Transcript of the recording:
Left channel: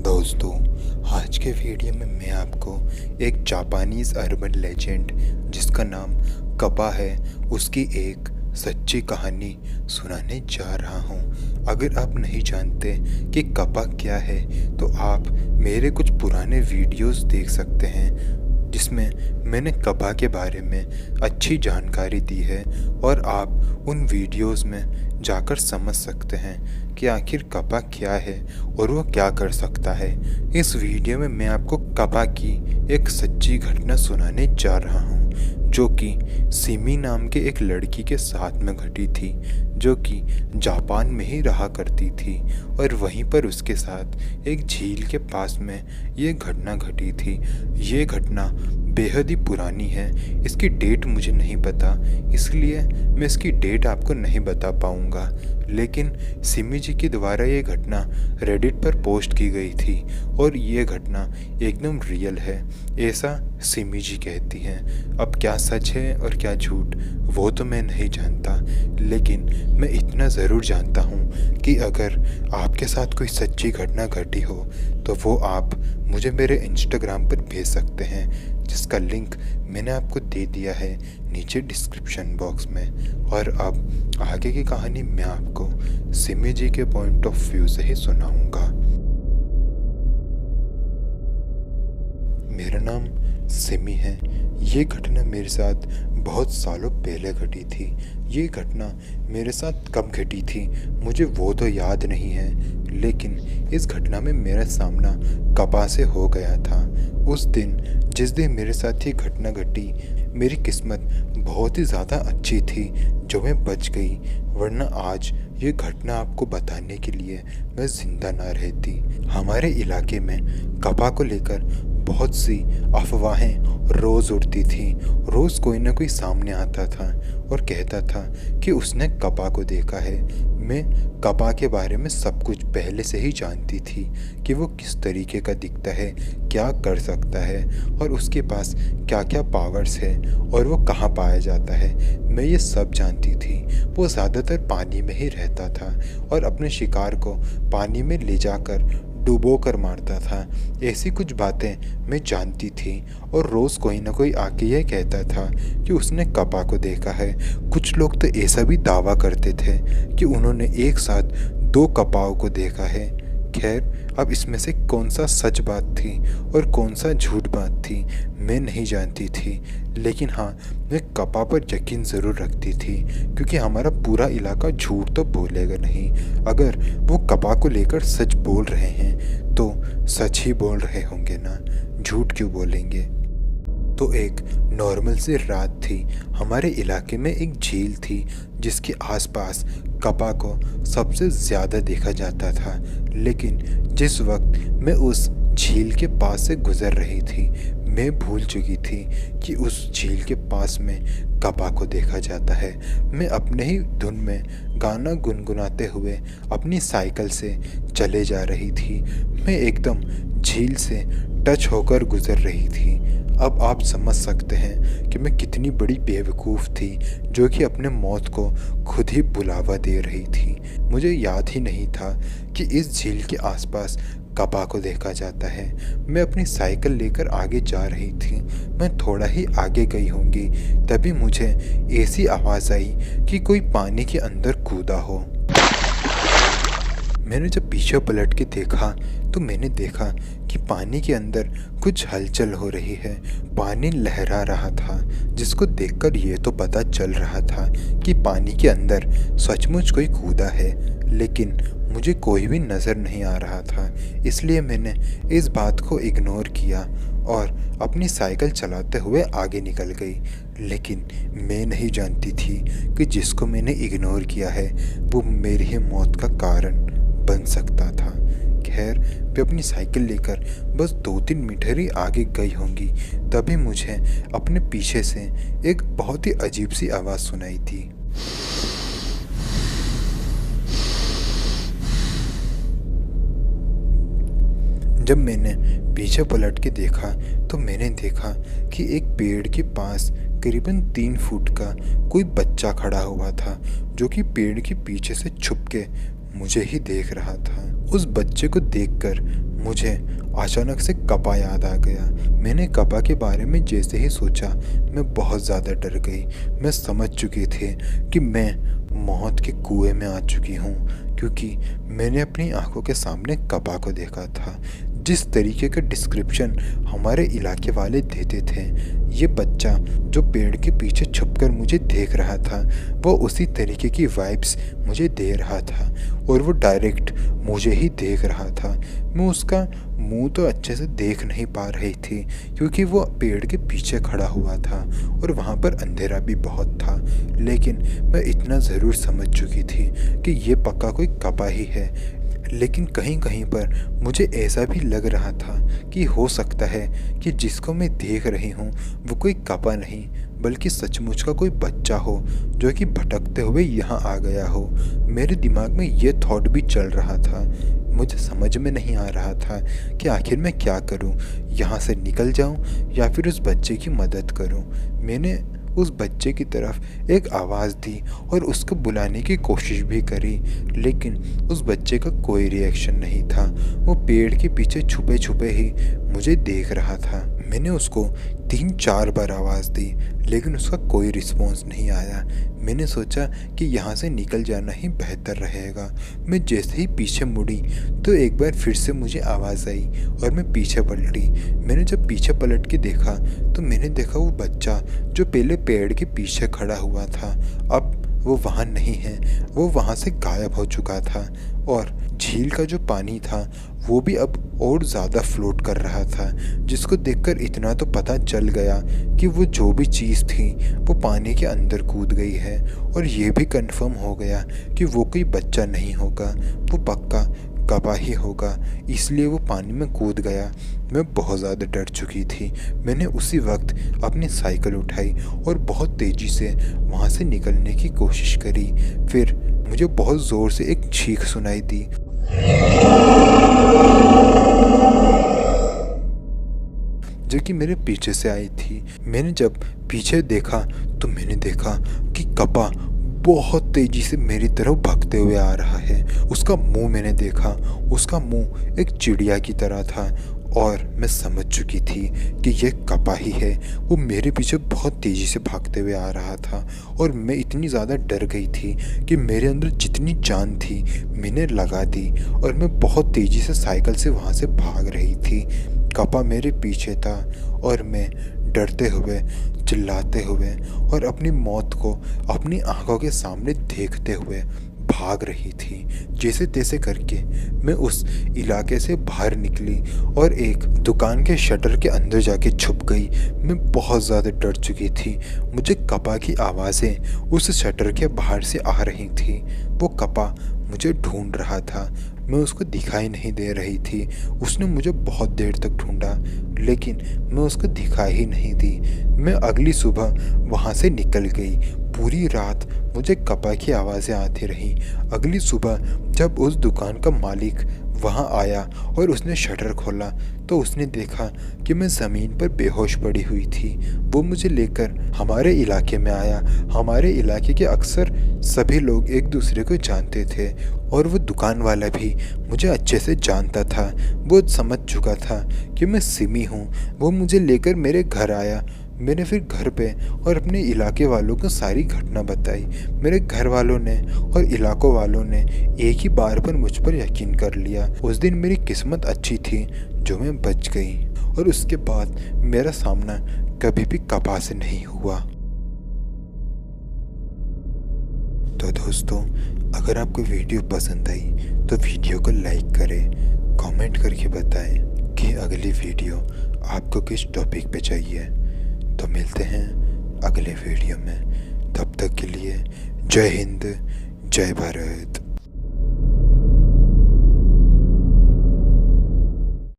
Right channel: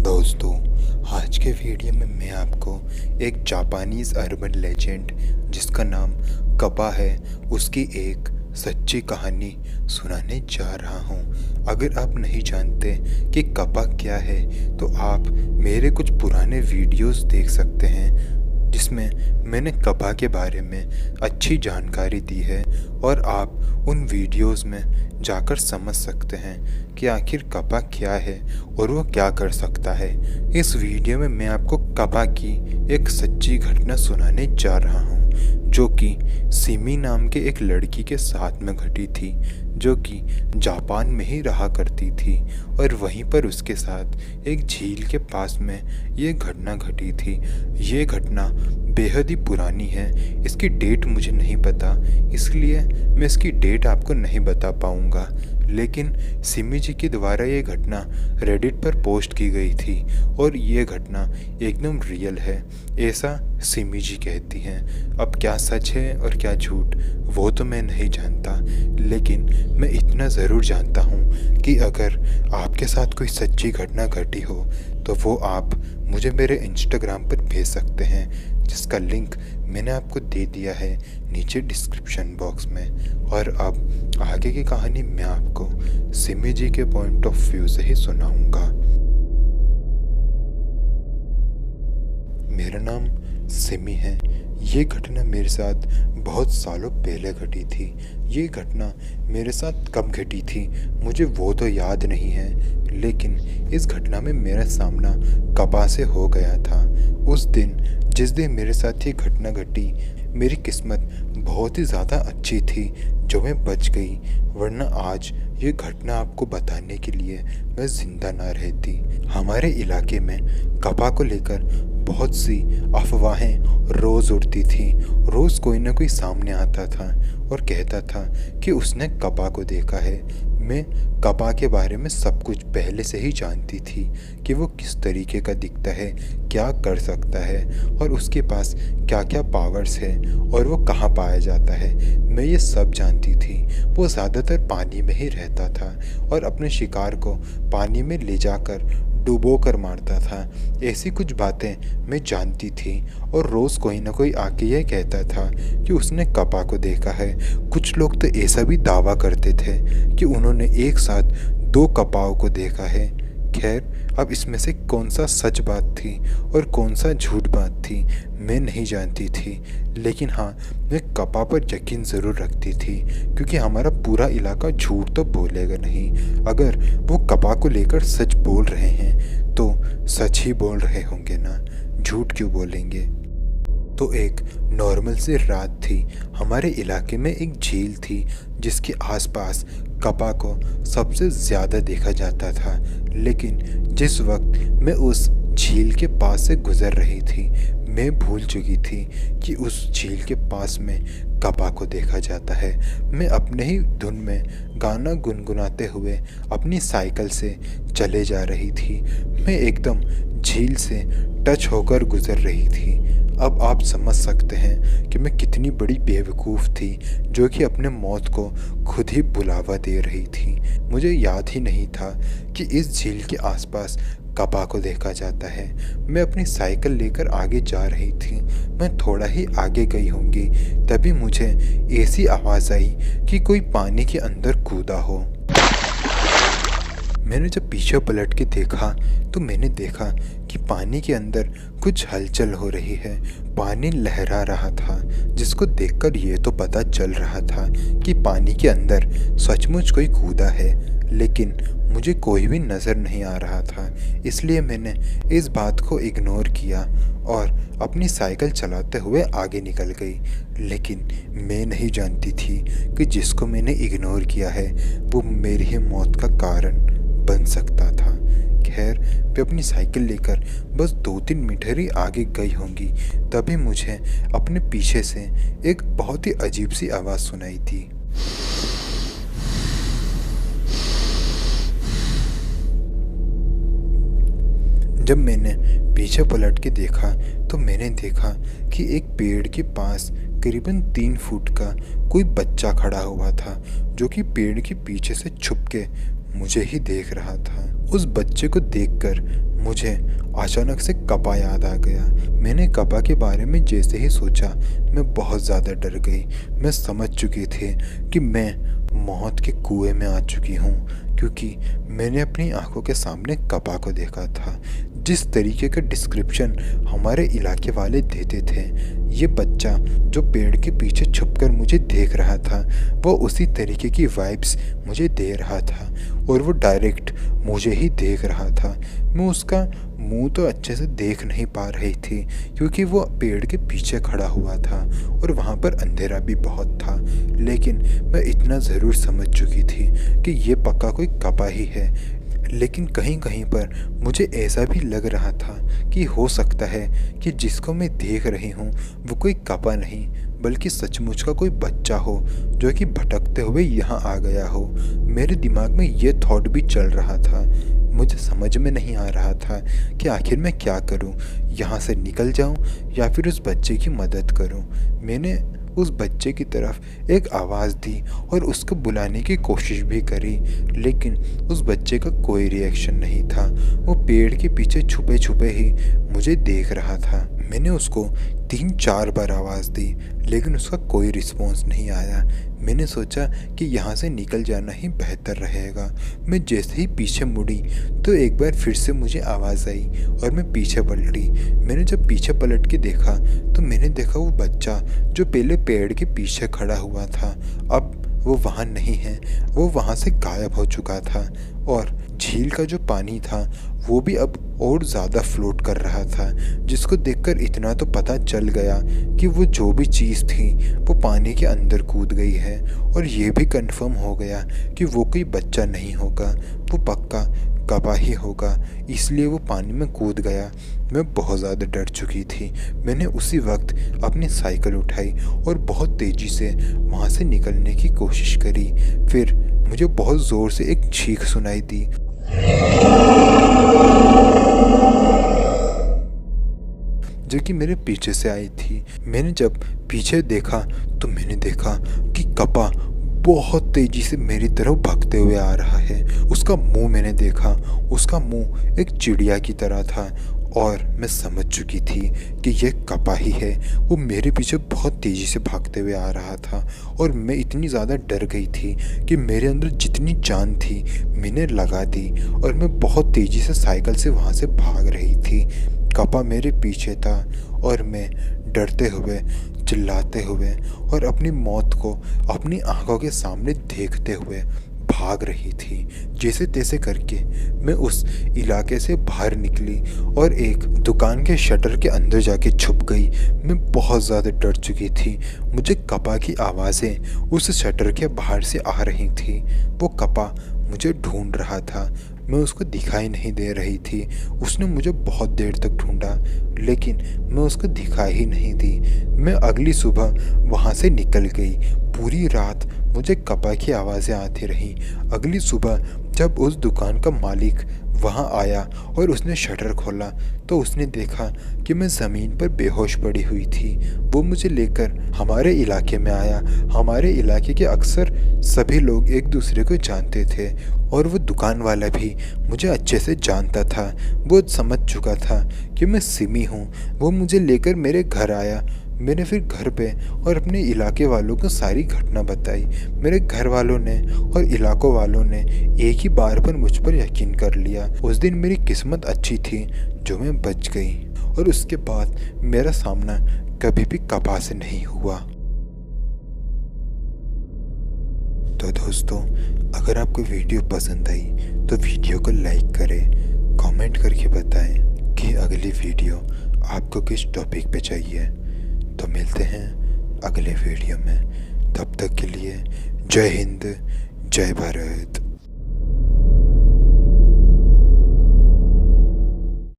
दोस्तों, आज के वीडियो में मैं आपको एक जापानीज़ अर्बन लेजेंड जिसका नाम कपा है उसकी एक सच्ची कहानी सुनाने जा रहा हूँ। अगर आप नहीं जानते कि कपा क्या है तो आप मेरे कुछ पुराने वीडियोस देख सकते हैं जिसमें मैंने कपा के बारे में अच्छी जानकारी दी है और आप उन वीडियोस में जाकर समझ सकते हैं कि आखिर कपा क्या है और वो क्या कर सकता है। इस वीडियो में मैं आपको कपा की एक सच्ची घटना सुनाने जा रहा हूँ जो कि सिमी नाम के एक लड़की के साथ में घटी थी जो कि जापान में ही रहा करती थी और वहीं पर उसके साथ एक झील के पास में ये घटना घटी थी। ये घटना बेहद ही पुरानी है, इसकी डेट मुझे नहीं पता इसलिए मैं इसकी डेट आपको नहीं बता पाऊँगा, लेकिन सिमी जी के द्वारा ये घटना रेडिट पर पोस्ट की गई थी और ये घटना एकदम रियल है, ऐसा सिमी जी कहती हैं। अब क्या सच है और क्या झूठ वो तो मैं नहीं जानता, लेकिन मैं इतना ज़रूर जानता हूँ कि अगर आपके साथ कोई सच्ची घटना घटी हो तो वो आप मुझे मेरे इंस्टाग्राम पर भेज सकते हैं जिसका लिंक मैंने आपको दे दिया है नीचे डिस्क्रिप्शन बॉक्स में। और अब आगे की कहानी मैं आपको सिमी जी के पॉइंट ऑफ व्यू से ही सुनाऊंगा। मेरा नाम सिमी है। ये घटना मेरे साथ बहुत सालों पहले घटी थी। ये घटना मेरे साथ कब घटी थी मुझे वो तो याद नहीं है, लेकिन इस घटना में मेरा सामना कपा से हो गया था। उस दिन जिस दिन मेरे साथ ये घटना घटी मेरी किस्मत बहुत ही ज़्यादा अच्छी थी जो मैं बच गई, वरना आज ये घटना आपको बताने के लिए मैं ज़िंदा ना रहती। हमारे इलाके में कपा को लेकर बहुत सी अफवाहें रोज़ उड़ती थी। रोज़ कोई ना कोई सामने आता था और कहता था कि उसने कपा को देखा है। मैं कपा के बारे में सब कुछ पहले से ही जानती थी कि वो किस तरीके का दिखता है, क्या कर सकता है और उसके पास क्या क्या पावर्स है और वो कहाँ पाया जाता है। मैं ये सब जानती थी। वो ज़्यादातर पानी में ही रहता था और अपने शिकार को पानी में ले जाकर डुबो कर मारता था। ऐसी कुछ बातें मैं जानती थी और रोज़ कोई ना कोई आके यह कहता था कि उसने कपा को देखा है। कुछ लोग तो ऐसा भी दावा करते थे कि उन्होंने एक साथ 2 कपाओं को देखा है। खैर, अब इसमें से कौन सा सच बात थी और कौन सा झूठ बात थी मैं नहीं जानती थी, लेकिन हाँ, मैं कपा पर यकीन ज़रूर रखती थी क्योंकि हमारा पूरा इलाका झूठ तो बोलेगा नहीं। अगर वो कपा को लेकर सच बोल रहे हैं तो सच ही बोल रहे होंगे ना, झूठ क्यों बोलेंगे। तो एक नॉर्मल सी रात थी। हमारे इलाके में एक झील थी जिसके आसपास कपा को सबसे ज़्यादा देखा जाता था, लेकिन जिस वक्त मैं उस झील के पास से गुज़र रही थी मैं भूल चुकी थी कि उस झील के पास में कपा को देखा जाता है। मैं अपने ही धुन में गाना गुनगुनाते हुए अपनी साइकिल से चले जा रही थी। मैं एकदम झील से टच होकर गुज़र रही थी। अब आप समझ सकते हैं कि मैं कितनी बड़ी बेवकूफ़ थी जो कि अपने मौत को खुद ही बुलावा दे रही थी। मुझे याद ही नहीं था कि इस झील के आसपास कपा को देखा जाता है। मैं अपनी साइकिल लेकर आगे जा रही थी। मैं थोड़ा ही आगे गई होंगी तभी मुझे ऐसी आवाज़ आई कि कोई पानी के अंदर कूदा हो। मैंने जब पीछे पलट के देखा तो मैंने देखा कि पानी के अंदर कुछ हलचल हो रही है। पानी लहरा रहा था जिसको देखकर ये तो पता चल रहा था कि पानी के अंदर सचमुच कोई कूदा है, लेकिन मुझे कोई भी नज़र नहीं आ रहा था। इसलिए मैंने इस बात को इग्नोर किया और अपनी साइकिल चलाते हुए आगे निकल गई। लेकिन मैं नहीं जानती थी कि जिसको मैंने इग्नोर किया है वो मेरी ही मौत का कारण बन सकता था। खैर, मैं अपनी साइकिल लेकर बस 2-3 मीटर ही आगे गई होंगी तभी मुझे अपने पीछे से एक बहुत ही अजीब सी आवाज़ सुनाई थी। जब मैंने पीछे पलट के देखा तो मैंने देखा कि एक पेड़ के पास करीबन 3 फुट का कोई बच्चा खड़ा हुआ था जो कि पेड़ के पीछे से छुप के मुझे ही देख रहा था। उस बच्चे को देखकर मुझे अचानक से कपा याद आ गया। मैंने कपा के बारे में जैसे ही सोचा, मैं बहुत ज़्यादा डर गई। मैं समझ चुकी थी कि मैं मौत के कुएं में आ चुकी हूँ, क्योंकि मैंने अपनी आंखों के सामने कपा को देखा था। जिस तरीके का डिस्क्रिप्शन हमारे इलाके वाले देते थे, ये बच्चा जो पेड़ के पीछे छुपकर मुझे देख रहा था, वो उसी तरीके की वाइब्स मुझे दे रहा था और वो डायरेक्ट मुझे ही देख रहा था। मैं उसका मुंह तो अच्छे से देख नहीं पा रही थी, क्योंकि वो पेड़ के पीछे खड़ा हुआ था और वहाँ पर अंधेरा भी बहुत था। लेकिन मैं इतना ज़रूर समझ चुकी थी कि ये पक्का कोई कपा ही है। लेकिन कहीं कहीं पर मुझे ऐसा भी लग रहा था कि हो सकता है कि जिसको मैं देख रही हूँ वो कोई कपा नहीं, बल्कि सचमुच का कोई बच्चा हो जो कि भटकते हुए यहाँ आ गया हो। मेरे दिमाग में ये थॉट भी चल रहा था। मुझे समझ में नहीं आ रहा था कि आखिर मैं क्या करूं, यहाँ से निकल जाऊं या फिर उस बच्चे की मदद करूं। मैंने उस बच्चे की तरफ एक आवाज़ दी और उसको बुलाने की कोशिश भी करी, लेकिन उस बच्चे का कोई रिएक्शन नहीं था। वो पेड़ के पीछे छुपे छुपे ही मुझे देख रहा था। मैंने उसको 3-4 बार आवाज़ दी, लेकिन उसका कोई रिस्पॉन्स नहीं आया। मैंने सोचा कि यहाँ से निकल जाना ही बेहतर रहेगा। मैं जैसे ही पीछे मुड़ी तो एक बार फिर से मुझे आवाज़ आई और मैं पीछे पलटी। मैंने जब पीछे पलट के देखा तो मैंने देखा वो बच्चा जो पहले पेड़ के पीछे खड़ा हुआ था, अब वो वहाँ नहीं है। वो वहाँ से गायब हो चुका था और झील का जो पानी था वो भी अब और ज़्यादा फ्लोट कर रहा था, जिसको देखकर इतना तो पता चल गया कि वो जो भी चीज़ थी वो पानी के अंदर कूद गई है। और ये भी कंफर्म हो गया कि वो कोई बच्चा नहीं होगा, वो पक्का कपा ही होगा, इसलिए वो पानी में कूद गया। मैं बहुत ज़्यादा डर चुकी थी। मैंने उसी वक्त अपनी साइकिल उठाई और बहुत तेज़ी से वहाँ से निकलने की कोशिश करी। फिर मुझे बहुत ज़ोर से एक चीख सुनाई दी, जो कि मेरे पीछे से आई थी। मैंने जब पीछे देखा तो मैंने देखा कि कपा बहुत तेजी से मेरी तरफ भागते हुए आ रहा है। उसका मुंह मैंने देखा, उसका मुंह एक चिड़िया की तरह था और मैं समझ चुकी थी कि यह कपा ही है। वो मेरे पीछे बहुत तेज़ी से भागते हुए आ रहा था और मैं इतनी ज़्यादा डर गई थी कि मेरे अंदर जितनी जान थी मैंने लगा दी और मैं बहुत तेज़ी से साइकिल से वहाँ से भाग रही थी। कपा मेरे पीछे था और मैं डरते हुए, चिल्लाते हुए और अपनी मौत को अपनी आंखों के सामने देखते हुए भाग रही थी। जैसे तैसे करके मैं उस इलाके से बाहर निकली और एक दुकान के शटर के अंदर जाके छुप गई। मैं बहुत ज़्यादा डर चुकी थी। मुझे कपा की आवाज़ें उस शटर के बाहर से आ रही थी। वो कपा मुझे ढूंढ रहा था, मैं उसको दिखाई नहीं दे रही थी। उसने मुझे बहुत देर तक ढूंढा, लेकिन मैं उसको दिखाई ही नहीं दी। मैं अगली सुबह वहाँ से निकल गई। पूरी रात मुझे कपा की आवाज़ें आती रहीं। अगली सुबह जब उस दुकान का मालिक वहाँ आया और उसने शटर खोला तो उसने देखा कि मैं ज़मीन पर बेहोश पड़ी हुई थी। वो मुझे लेकर हमारे इलाके में आया। हमारे इलाके के अक्सर सभी लोग एक दूसरे को जानते थे और वो दुकान वाला भी मुझे अच्छे से जानता था। वो समझ चुका था कि मैं सिमी हूँ। वो मुझे लेकर मेरे घर आया। मैंने फिर घर पे और अपने इलाके वालों को सारी घटना बताई। मेरे घर वालों ने और इलाकों वालों ने एक ही बार पर मुझ पर यकीन कर लिया। उस दिन मेरी किस्मत अच्छी थी जो मैं बच गई और उसके बाद मेरा सामना कभी भी कपा से नहीं हुआ। तो दोस्तों, अगर आपको वीडियो पसंद आई तो वीडियो को लाइक करें, कमेंट करके बताएं कि अगली वीडियो आपको किस टॉपिक पे चाहिए। तो मिलते हैं अगले वीडियो में। तब तक के लिए जय हिंद, जय भारत।